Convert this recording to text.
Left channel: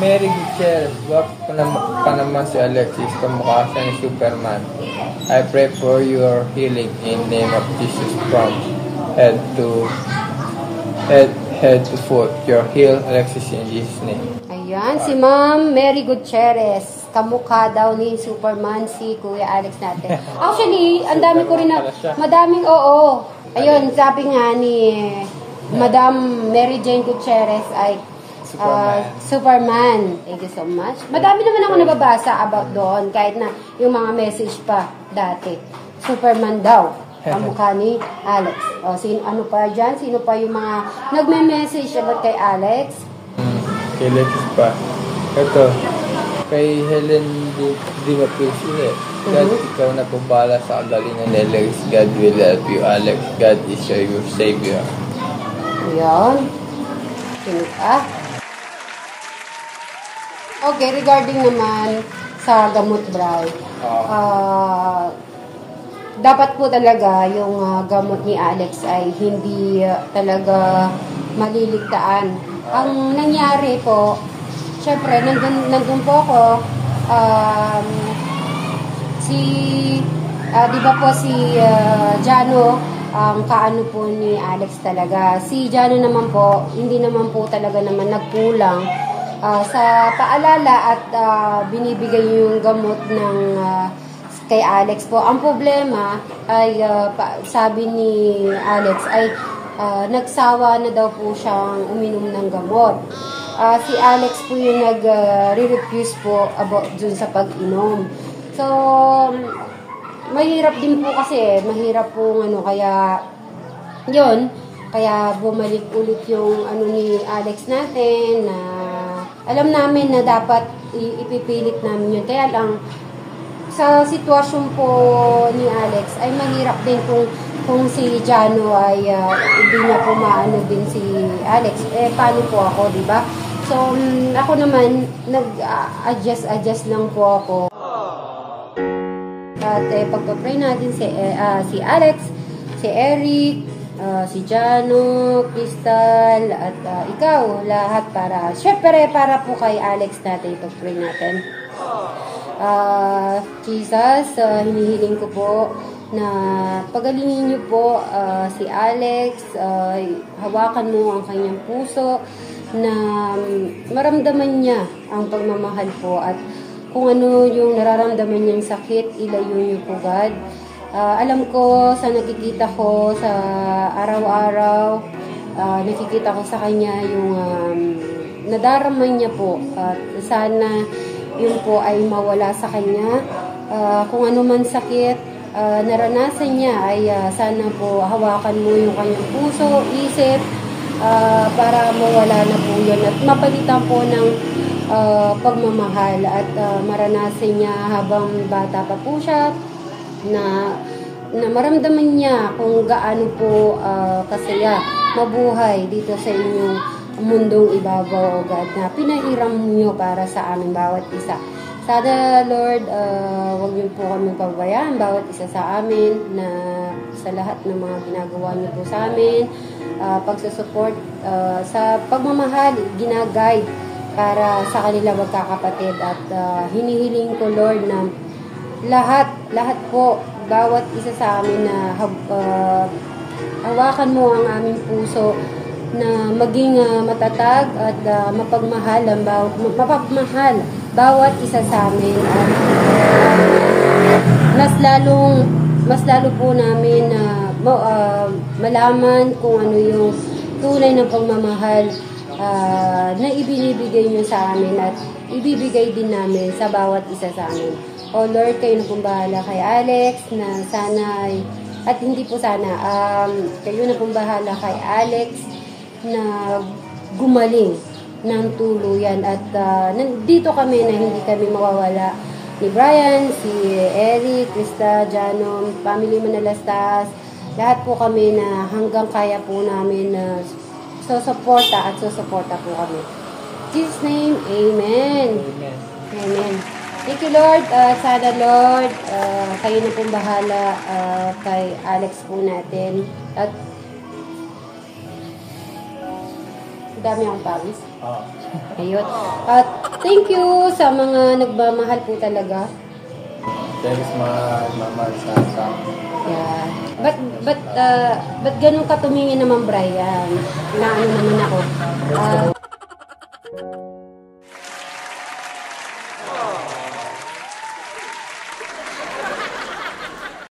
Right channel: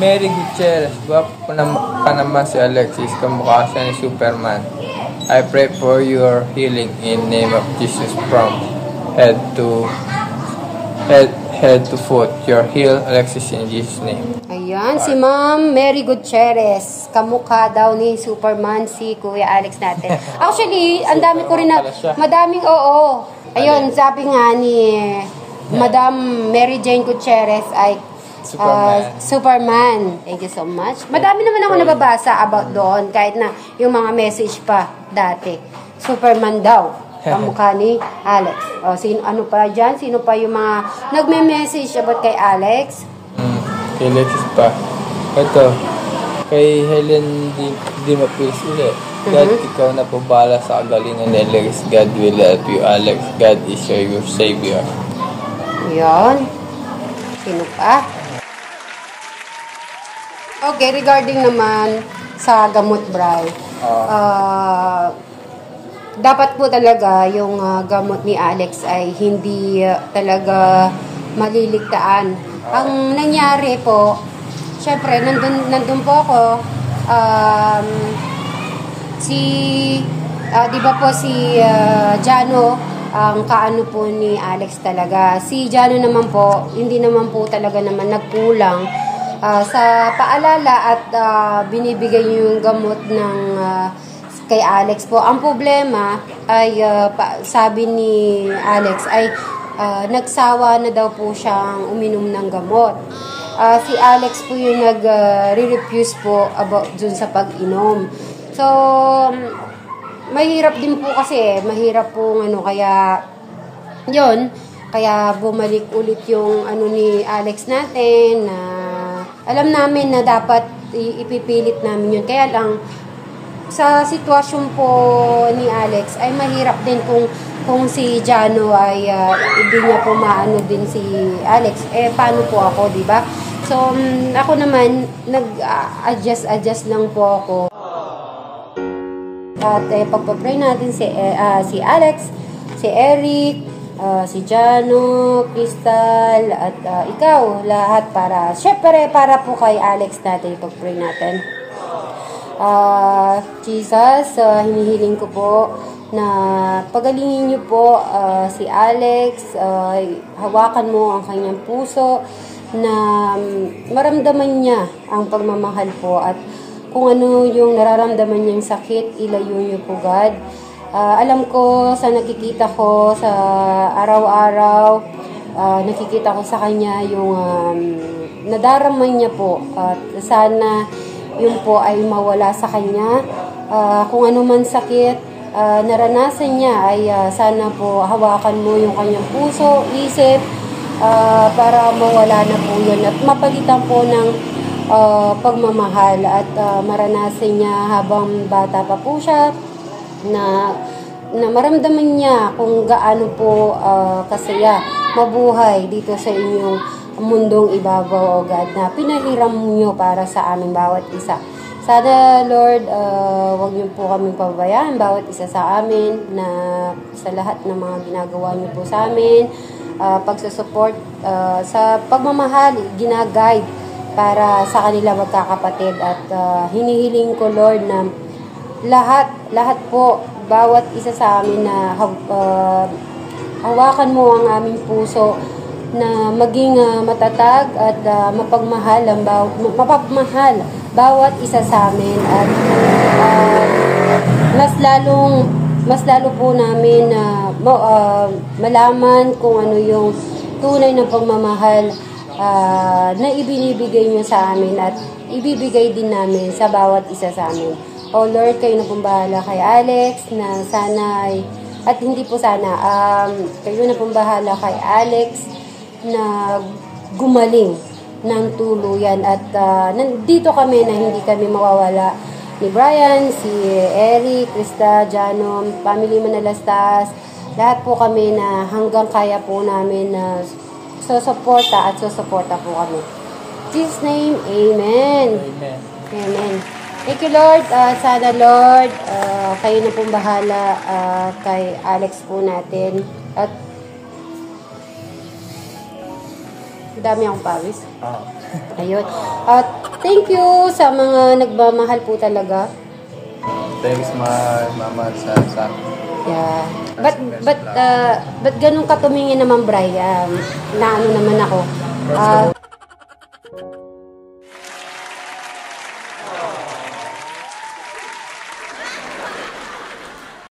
Mary Gutierrez, pa naman si Alexis, kamukha siya ni Superman. I pray for your healing in name of Jesus from head to foot. Your heal, Alexis, in Jesus' name. Ayan, si Ma'am Mary Gutierrez. Kamukha daw ni Superman si Kuya Alex natin. Actually, ang dami ko rin na, madaming, oo. Ayun, sabi nga ni Madam Mary Jane Gutierrez ay Superman. Thank you so much. Madami naman ako nababasa about doon, kahit na yung mga message pa dati. Superman daw, kamukha ni Alex. O, ano pa dyan? Sino pa yung mga nagme-message about kay Alex? Kay Alexis pa. Ito, kay Helen di mapil sila. God, ikaw na po bahala sa kagalingan ni Alex. God will help you, Alex. God is your Savior. Ayan. Sino pa? Okay, regarding naman sa gamot, Bray. Dapat po talaga yung gamot ni Alex ay hindi talaga maliligtaan. Ang nangyari po, syempre, nandun po ako, di ba po si Jano, ang kaano po ni Alex talaga. Si Jano naman po, hindi naman po talaga naman nagkulang sa paalala at binibigay yung gamot ng kay Alex po. Ang problema ay sabi ni Alex ay nagsawa na daw po siyang uminom ng gamot. Si Alex po yung nag-refuse po about dun sa pag-inom. So, mahirap din po kasi, mahirap po kaya yun, kaya bumalik ulit yung ni Alex natin na alam namin na dapat ipipilit namin yun. Kaya lang, sa sitwasyon po ni Alex, ay mahirap din kung si Jano ay hindi niya po maano din si Alex. Paano po ako, di ba? So, ako naman, nag-adjust lang po ako. At pagpapray natin si Alex, si Eric, si Jano, Crystal, at ikaw, lahat syempre para po kay Alex natin, ipag-pray natin. Jesus, hinihiling ko po na pagalingin niyo po si Alex, hawakan mo ang kanyang puso, na maramdaman niya ang pagmamahal po, at kung ano yung nararamdaman niyang sakit, ilayo niyo po, God. Alam ko sa nakikita ko sa araw-araw, nakikita ko sa kanya yung nadarama niya po, at sana yun po ay mawala sa kanya. Kung ano man sakit naranasan niya ay sana po hawakan mo yung kanyang puso, isip, para mawala na po yun at mapalitan po ng pagmamahal at maranasan niya habang bata pa po siya na maramdaman niya kung gaano po kasaya mabuhay dito sa inyong mundong ibabaw, O God, na pinahiram niyo para sa aming bawat isa. Sana, Lord, wag niyo po kaming pababayaan, bawat isa sa amin, na sa lahat ng mga ginagawa niyo po sa amin, pagsusupport sa pagmamahal, ginaguide para sa kanila magkakapatid. At hinihiling ko, Lord, na lahat po, bawat isa sa amin na hawakan mo ang aming puso, na maging matatag at mapagmahal bawat isa sa amin, at mas lalo po namin malaman kung ano yung tunay na pagmamahal na ibinibigay niyo sa amin at ibibigay din namin sa bawat isa sa amin. O Lord, kayo na pong bahala kay Alex, na sana at hindi po sana kayo na pong bahala kay Alex na gumaling ng tuluyan, at nandito kami na hindi kami mawawala ni Brian, si Eric, Krista, Jano, Family Manalastas, lahat po kami na hanggang kaya po namin na susuporta po kami. In Jesus' name, Amen. Amen. Amen. Thank you, Lord. Sana, Lord, kayo na pong bahala kay Alex po natin. At Dami akong pawis. Oo. Ayun. At thank you sa mga nagmamahal po talaga. Thanks mama sa Yeah. But ganun ka tumingin naman, Brian? Na ano naman ako.